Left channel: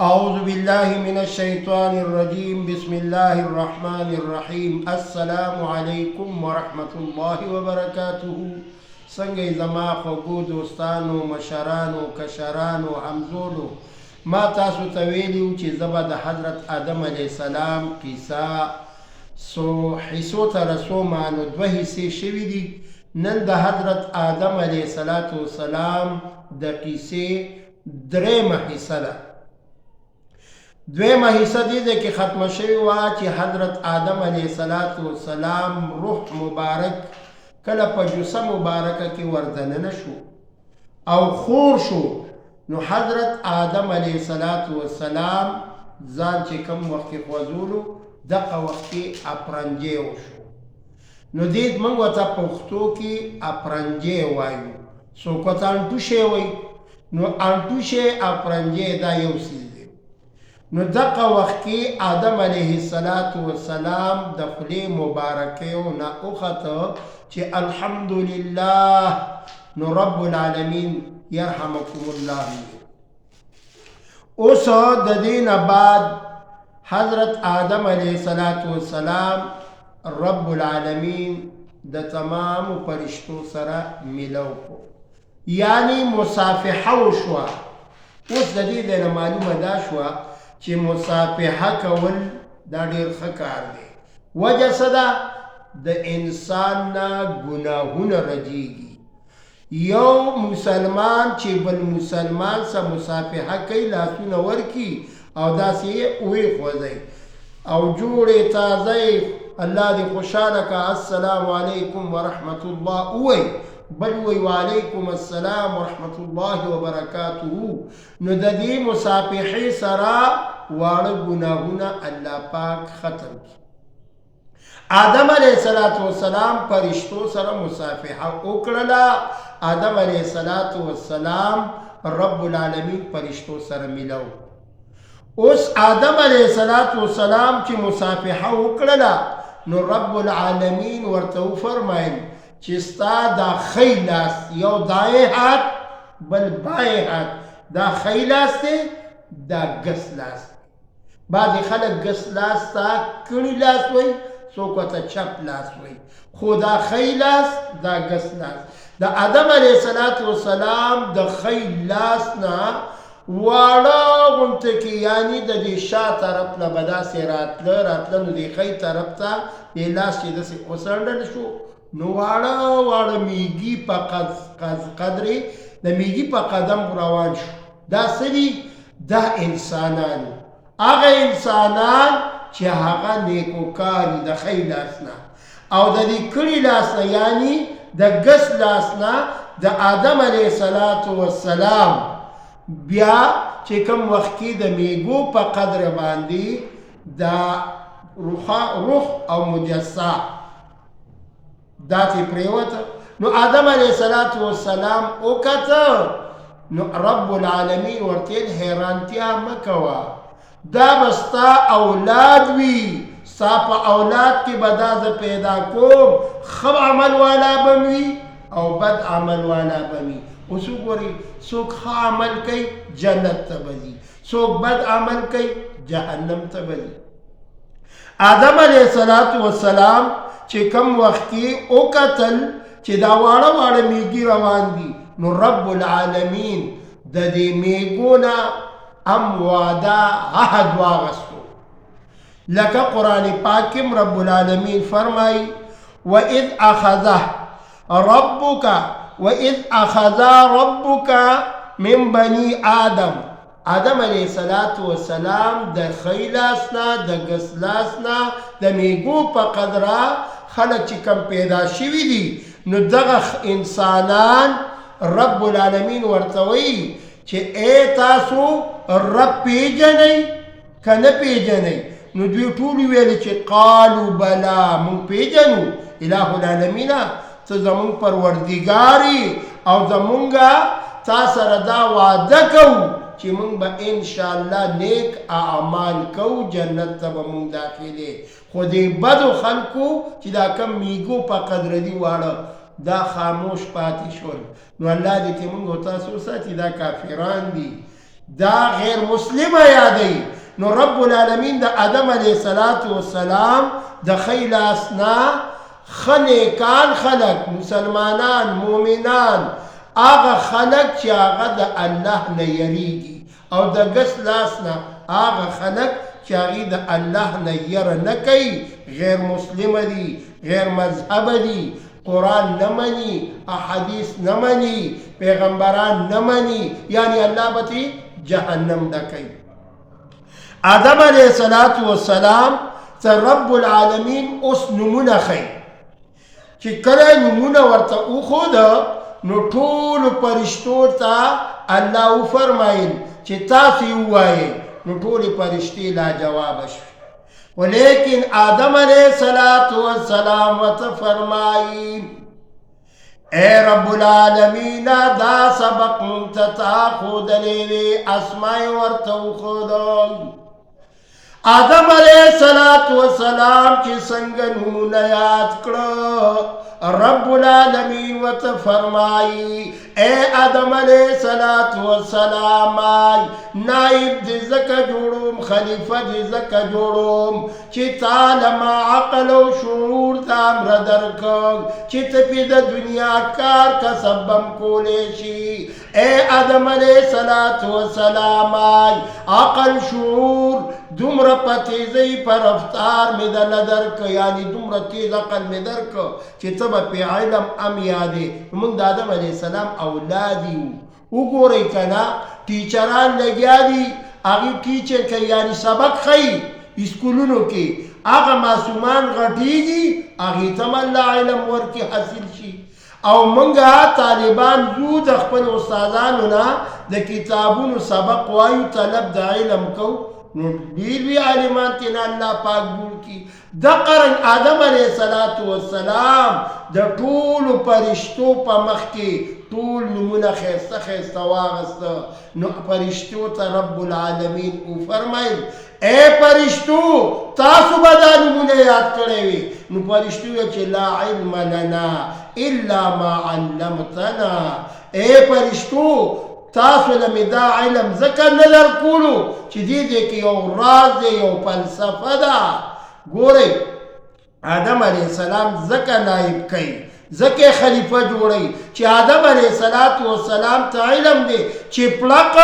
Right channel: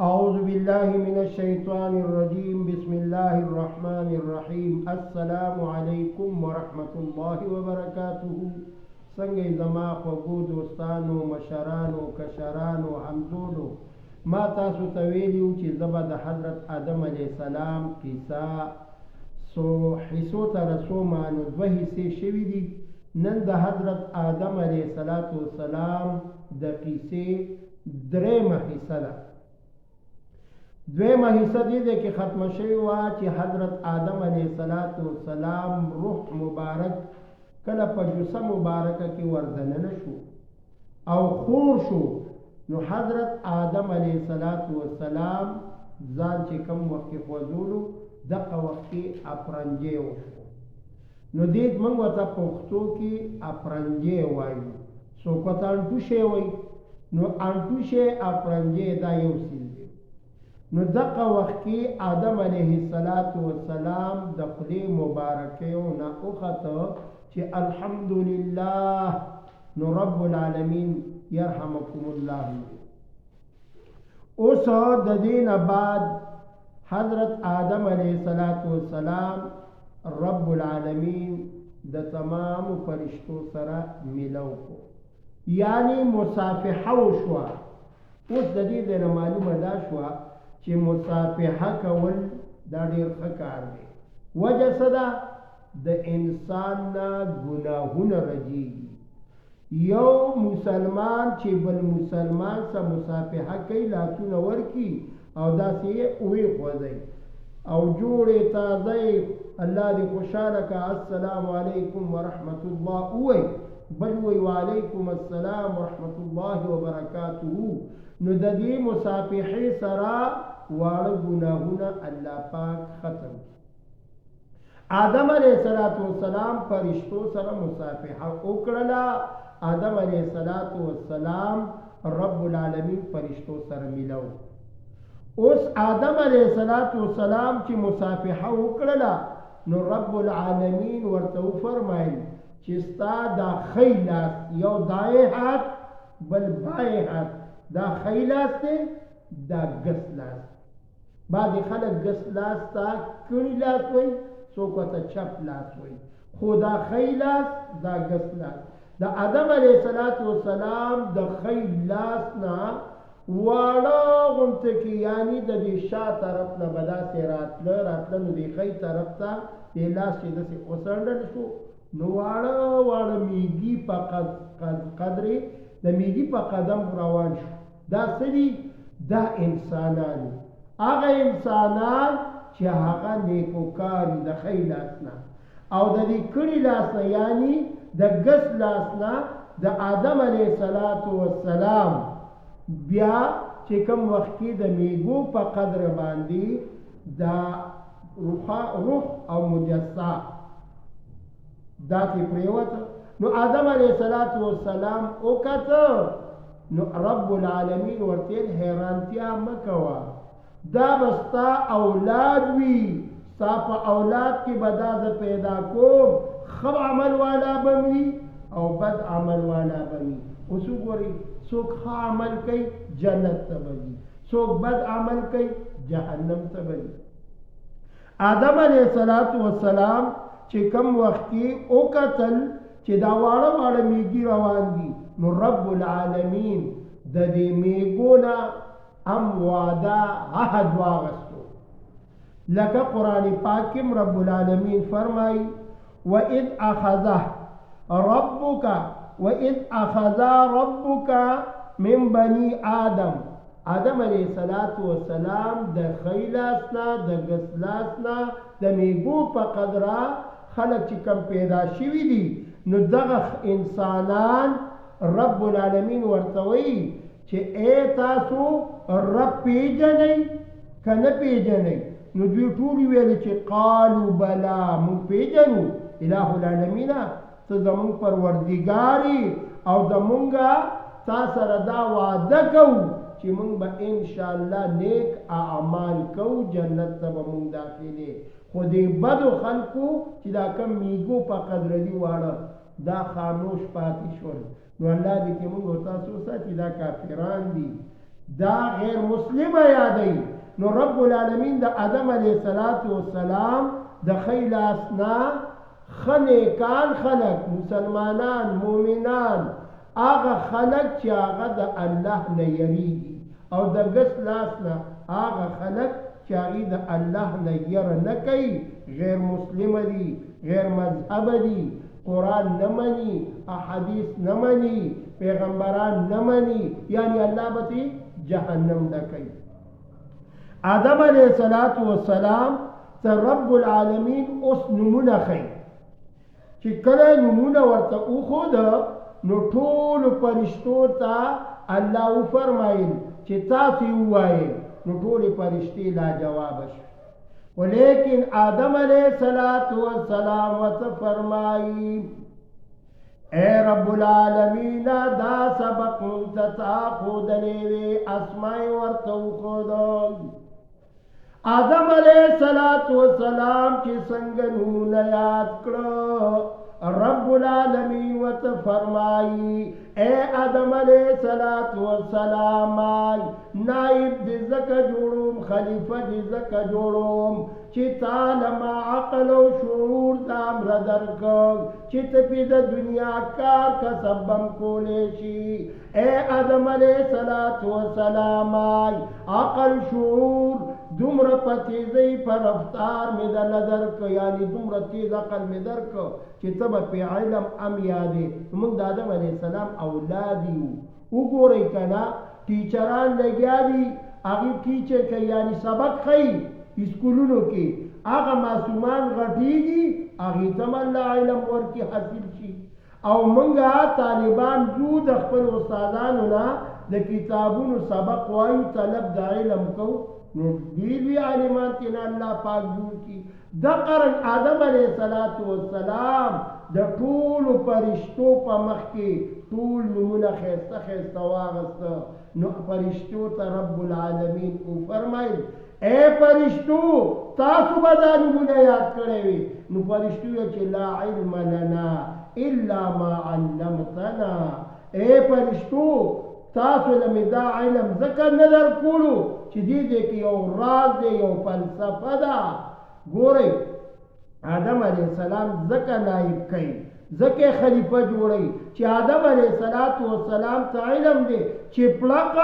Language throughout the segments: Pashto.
أعوذ بالله من الشيطان الرجيم بسم الله الرحمن الرحيم السلام عليكم ورحمة الله وبركاته څنګه زما خوږو دوستانو مشرانو کشرانو همزولو ما تاسو ته ویلي چې زه به د حضرت آدم علیه السلام کیسه حصو ته رسومه نو دوه حصې شوي دي نن د حضرت آدم علیه السلام د قیسې درېیمه حصه ده دویمه حصه دې کې ختمه شوې وه چې حضرت آدم علیه السلام روح مبارک کله په جوسه مبارکه کې وردننه شو او خور شو نو حضرت آدم علیه السلام ځان چې کم وخت کې خوځولو دغه وخت کې اپرنجی وشو نو دې موږ ورته پښتو کې اپرنجی وایو څوک ورته انټوشی وایي نو انټوشی اپرنجی دا یو څیز دی نو دغه وخت کې آدم علیه السلام د خولې مبارکیو نه وخته چې الحمدلله نو رب العالمین یرحمکم الله اوس د دې نه بعد حضرت آدم علیه السلام رب العالمین د تمام فرشتو سره ملو کو یعنی مصافحه وشوه اوس د دې نه معلومه دا شوه چې مصافحه کول دا ډېر ښه کار دی وجه څه ده د انسان نه ګناهونه رجیږي یو مسلمان چې بل مسلمان سره مصافحه کوي لاسونه ورکي او داسې یې ویښوځئ او جوړې تازه الله دې خوشحاله که السلام علیکم ورحمت الله ووایي بل وی وعلیکم السلام ورحمت الله وبرکاته نو د دې مصافحې سره واړه ګناهونه الله پاک ختم کړي آدم علیه السلام فرشتو سره مصافحه وکړله آدم علیه السلام رب العالمین فرشتو سره ملو اوس آدم علیه السلام چې مصافحه وکړله نو رب العالمین ورته وفرمایل چې ستا دا ښی لاس یو دایې هات بل بایې هات دا ښی لاس دی دا ګس لاس دی بعضې خلک ګس لاس ته کڼي لاس وایي څوک ورته چپ لاس وایي خو دا ښی لاس دا ګس لاس د آدم علیه السلام د ښی لاس نه واړه غونته کې یعنی د دې شا طرف نه به داسې راتله نو د ښی طرف ته دې لاس چې داسې وڅنډل شو نو واړه میږي په قدرې د میږي په قدم روان شو دا څه دي دا انسانان هغه انسانان چې هغه نیکوکاري د ښی لاس نه او د دې کړي لاس نه یعنی د ګس لاس نه د آدم علیه السلام بیا چې کوم وخت کې د میږو په قدر باندې دا روح او مجسه دا تی پریوته نو آدم علیه السلام وکته نو رب العالمین ورته حیرانتیا مکوه دا بستا اولاد وی ستا په اولاد کې به دا زه پیدا کوم ښه عمل والا به وي او بد عمل والا به وي اوس وګورئ څوک ښه عمل کوي جنت ته به ځي څوک بد عمل کوي جهنم ته به ځي آدم علیه السلام چې کم وخت کې وکتل چې دا واړه میږي روان دي نو رب العالمین د دې میږو نه هم وعده عهد واغستو لکه قرآن پاک کې رب العالمین فرمایي وَإِذْ أَخَذَ رَبُّكَ من بني آدم آدم علیه السلام د ښی لاس نه د ګس لاس نه د میږو په قدره خلک چې کم پیدا شوي دي نو دغه انسانان رب العالمین ورته وایي چې ای تاسو رب پیژنئ که نه پیژنئ نو دوی ټول ویل چې قالو بلا موږ پیژنو اله العالمینه ته زمونږ پروردګاري او زمونږه تا سره دا وعده کوو چې موږ به انشاءالله نیک اعمال کوو جنت ته به موږ داخلې خو دې بدو خلکو چې دا کم میږو په قدر دي واړه دا خاموش پاتې شول نو الله دې کې موږ او تاسو ساتي دا کافران دي دا غیر مسلمه یادی. نو رب العالمین د آدم علیه السلام د خیل اسنا خنیکان خلق، مسلمانان، مومنان، آغا خلق چی آغا د اللہ نه یریگی، او د گس لاسنا آغا خلق چی آغی د اللہ نه یر نکی، غیر مسلم دی، غیر مذہب دی، قرآن نمانی، احادیث نمانی، پیغمبران نمانی، یعنی اللہ بتی جہنم دکی. آدم علیہ السلام تا رب العالمین اس نمونه خی چی کله نمونه ورطا او خود نو ټول پرشتو تا اللہ او فرمائل چی تاسی ہوئی نو ټول پرشتی لا جواب شو. ولیکن آدم علیہ السلام وتا فرمائی اے رب العالمین دا سبق منتتا خود لیوی اسمائی ورطا خود. آدم علیہ السلام چی سنگ نمونه یاد کرو رب العالمین وت فرمائی اے آدم علیہ السلام نائب دی زکا جوڑوم خلیفہ دی زکا جوڑوم چی تالما عقل و شعور دام ردرکم چی تپی دا دنیا کار کا سبم کولیشی. اے آدم علیہ السلام عقل شعور دمر پتیزی پر افطار میں دا ندرک، یعنی دمر تیز عقل میں درک چی تب پی علم ام یادے. منگ دا آدم علیہ السلام اولادی او گو رئی کنا ٹیچران لگیا دی آگی ٹیچر که یعنی سبق خی اسکولونو کے آگا معصومان غٹی گی آگی تم اللہ علم ورکی حاصل شی. او منگا طالبان زود اخپل استادانونا دا کتابونو سبق وایو طلب دا علم کو نو دیر بھی عالمان تینا اللہ پاک جوڑ کی. دا قرن آدم علیہ السلام دا طول پرشتو پا مخ کے طول نمونہ خیستہ خیستہ واغستہ. نو پرشتو تا رب العالمین او فرمائل اے پرشتو تاسو بدا نمونہ یاد کرے وی. نو پرشتو یا چے لا علم لنا الا ما علمتنا. اے پرشتو تاسو لمی دا علم ذکر نظر کولو چی دیدے کہ یو راز دے یو فلسفہ دا. گورے آدم علیہ السلام ذکر نائب کئی ذکر خلیفہ جوڑی چی آدم علیہ السلام تا علم دے چی پلق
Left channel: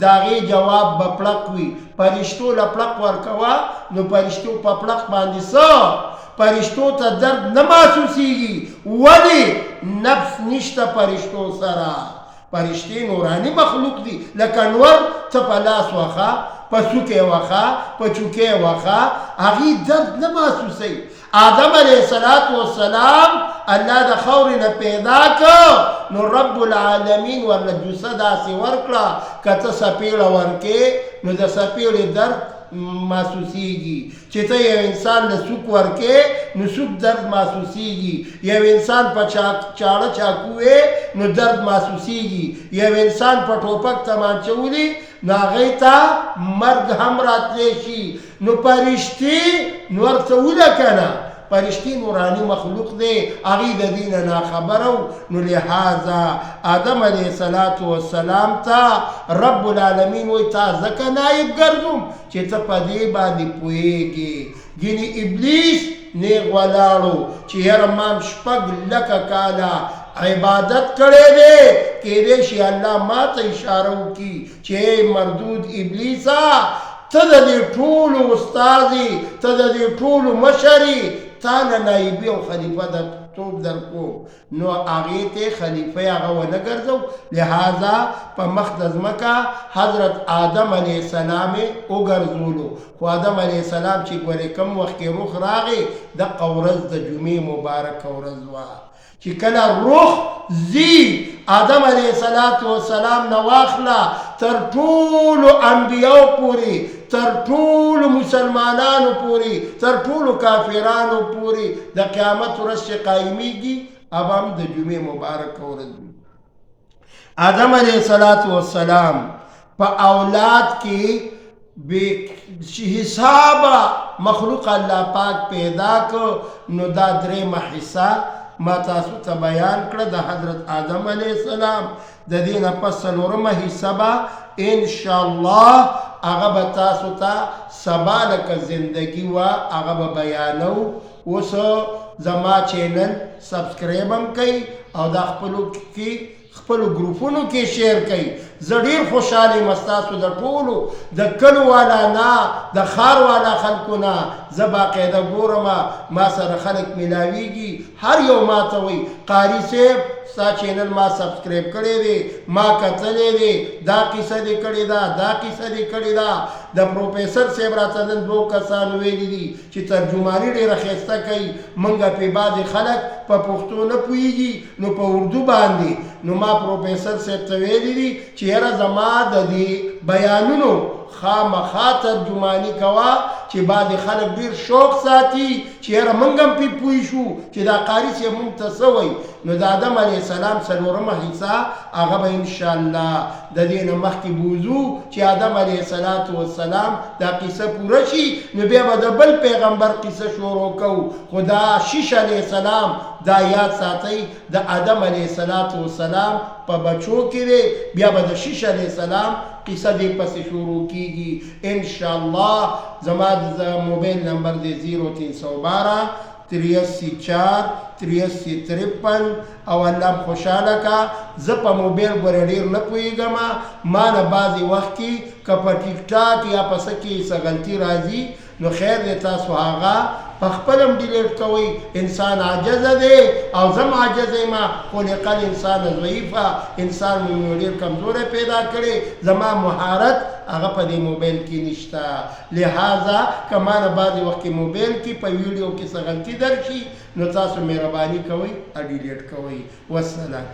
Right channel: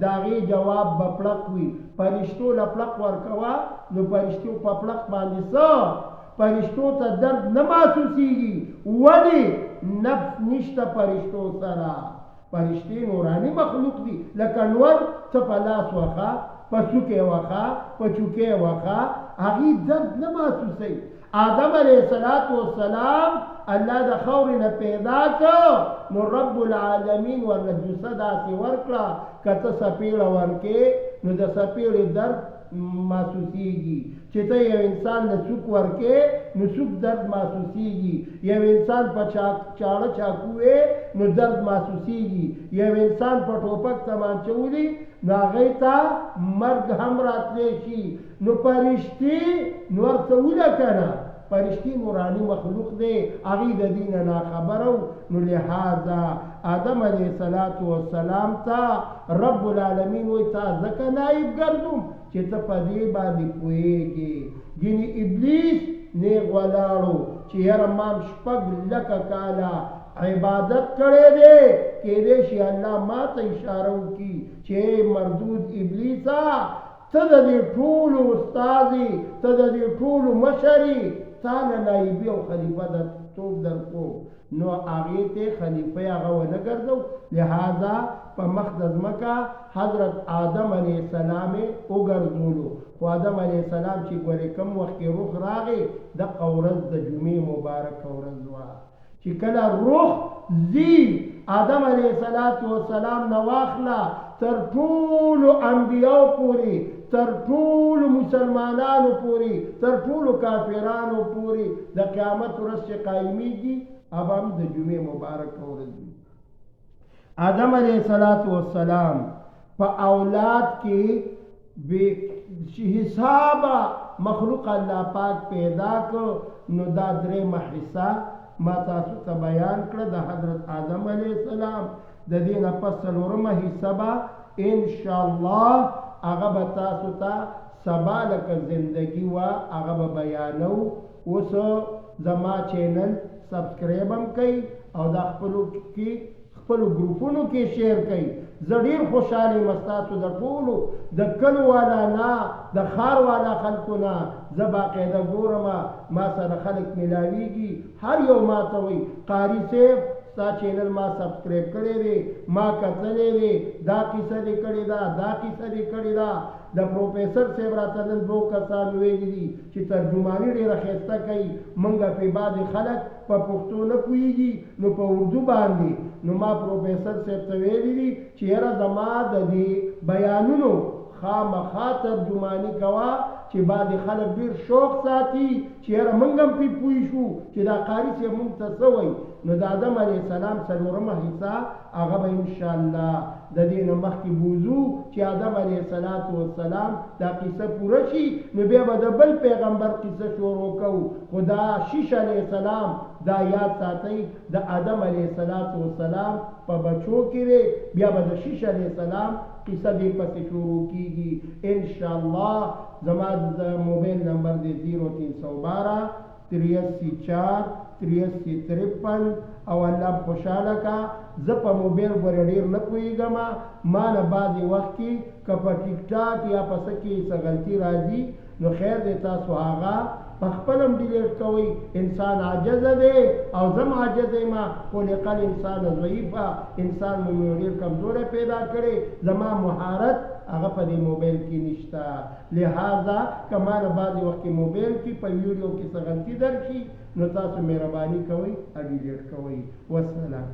داغی جواب بپلق وی. پرشتو لپلق ورکوا نو پرشتو پا پلق باندی سا پرشتو تا درد نماسوسی گی ولی نفس نشتا پرشتو سرا. پرشتی نورانی مخلوق دی لکنور تا پلاس وخا پا سوکے وخا پا چوکے وخا آگی درد نماسوسی. آدم علیہ السلام اللہ دا خورنا پیدا کا نو رب العالمین ورنہ جسد آسی ورکلا کتا سپیل ورکے نو دا سپیل درد محسوسی گی. چیتا یو انسان لسوک ورکے نو سوک درد محسوسی گی. یو انسان پا چاڑا چاکوئے نو درد محسوسی گی. یو انسان پا ٹوپک تمان چولی نو آغیتا مرگ ہم رات لیشی. نو پرشتی نور تولہ کنا پرشتی نورانی مخلوق دے آغی دا دین نا خبرو. نو لہذا آدم علیہ السلام تا رب العالمین وی تا زکا نائب گردم چی تا پا دے بانی پوئے گے. گینی ابلیس نیغ ولارو چی یرمام شپگ لکا کالا عبادت کرے دے کہ دیشی اللہ ما تا اشارو کی چی مردود ابلیسا تا دی طول استازی تا دی طول مشری تانا نائبی و خلیفہ دا توب در کو. نو آغیت خلیفہ آغا و نگرزو. لہذا پا مخدز مکا حضرت آدم علیہ السلام اگرزولو. خو آدم علیہ السلام چی گوری کم وقت کی روح راغی دا قورز دا جمعی مبارک قورزوا چی کلا روح زی آدم علیہ السلام نواخلا تر طول انبیاء پوری تر طول مسلمانانو پوری تر طول کافرانو پوری دا قیامت رس قائمی گی. اب ہم دا جمعہ مبارک ورد آدم علیہ السلام پا اولاد کی بے حسابا مخلوق اللہ پاک پیدا کو. نو دا درم حصہ ما تاسو تا بیان کرد دا حضرت آدم علیہ السلام دا دین پس سلورم حصہ با ان شاء الله هغه به تاسو ته سبا لکه زندگی وه هغه به بیانو. اوس زما چینل سبسکرایب هم کوئ او دا خپلو ګروپونو کې شیر کوئ. زه ډېر خوشحاله یم ستاسو د ټولو د کلو والا نه د ښار والا خلکو نه زه باقاعده ګورم، ما سره خلک میلاویږي، هر یو ما ته وایي قاري صاحب ستا چینل ما سبسکرایب کړی دی، ما کتلی دی، دا قصه دې کړې ده، دا قصه دې کړې ده. د پروفیسر صاحب راته نن 2 کسانو ویلي دي چې ترجماني ډېره ښایسته کوي، موږ پې بعضې خلک په پښتو نه پوهېږي نو په اردو باندې. نو ما پروفیسر صاحب ته ویلي دي چې یاره زما د دې بیانونو خامخا ترجماني کوه چې بعضې خلک ډېر شوق ساتي چې یاره موږ هم پې پوه شو چې دا قاري صاحب موږ ته څه وایي. نو د آدم علیه السلام 4مه حصه هغه به انشاءالله د دې نه مخکې بوځو چې آدم علیه السلام دا قصه پوره شي نو بیا به د بل پیغمبر قصه شروع کوو. خو دا شیش علیه السلام دا یاد ساتئ د آدم علیه السلام په بچو کې دی، بیا به د شیش علیه السلام قصه دې پسې شروع کیږي انشاءالله. زما د موبایل نمبر دی 0312 83 8353 او الله خوشحاله کا. زه په موبایل ګورې ډېر نه پوهېږم، ما نه بعضې وخت کې که په ټیک ټاک یا په څه کې څه غلطي راځي نو خیر دی تاسو هغه په خپل هم ډیلیټ کوئ. انسان عاجزه دی او زم عاجزه یم، خلق الانسان ضعیفه، انسان مې ډېر کمزوری پیدا کړی، زما مهارت هغه په دې موبایل کې نشته. لہذا که ما نه بعضې وخت کې موبایل کې په ویډیو کې څه غلطي درشي نو تاسو مهرباني کوئ ډیلیټ کوئ. والسلام.